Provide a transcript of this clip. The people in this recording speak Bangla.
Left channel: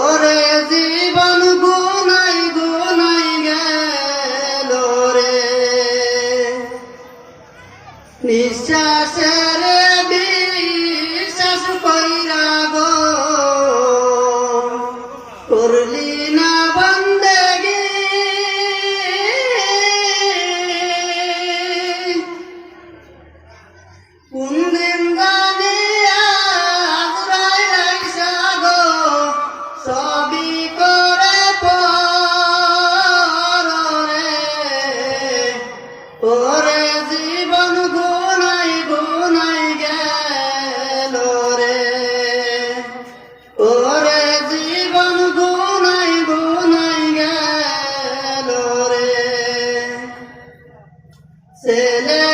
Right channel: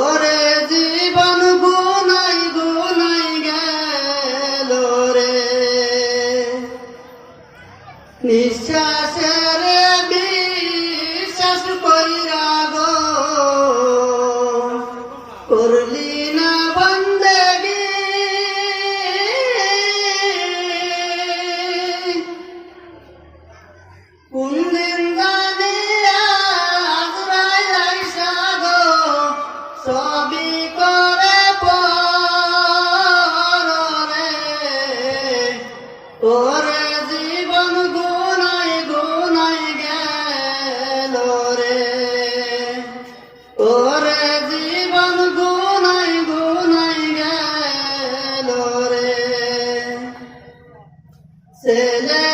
ওরে জীবন গুনাই গুনাই গেল রে, নিঃশ্বাসের বিশ্বাস কইরা গো করলি না বন্দেগি, কোন দিন জানি আজরাইল আইসা গো সবই করে পরে, ওরে জীবন গুনাই গুনাই গেল রে, ওরে জীবন গুনাই গুনাই গেল রে। ছেলে